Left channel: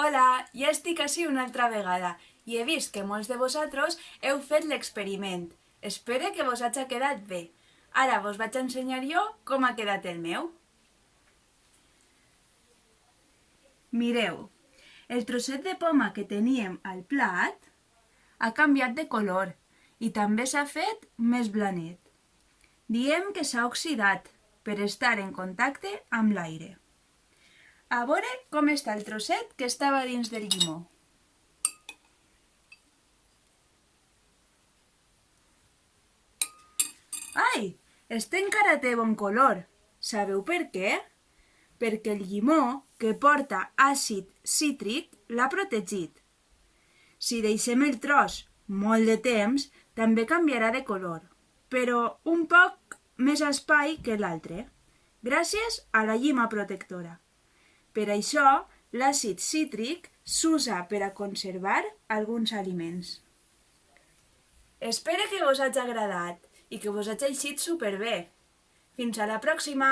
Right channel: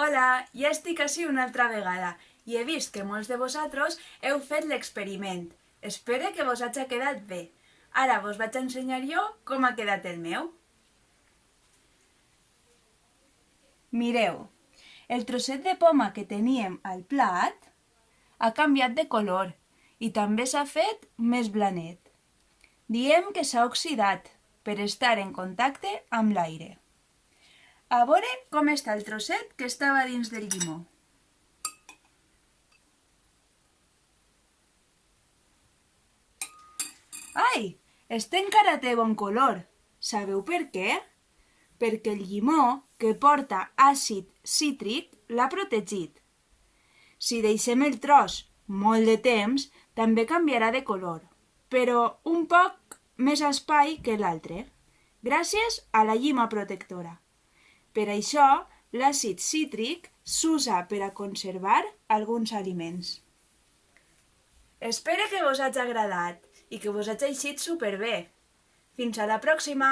Hola, ja estic ací una altra vegada i he vist que molts de vosaltres heu fet l'experiment. Espero que vos hagi quedat bé. Ara vos vaig a ensenyar jo com ha quedat el meu. Mireu, el trosset de poma que teníem al plat ha canviat de color i també s'ha fet més blanet. Diem que s'ha oxidat per estar en contacte amb l'aire. A veure com està el trosset que estava dins del llimó. Ai, este encara té bon color. Sabeu per què? Perquè el llimó, que porta àcid cítric, l'ha protegit. Si deixem el tros molt de temps, també canviarà de color, però un poc més espai que l'altre, gràcies a la llima protectora. Per això, l'àcid cítric s'usa per a conservar alguns aliments. Espero que vos hagi agradat i que vos hagi eixit superbé. Fins a la pròxima!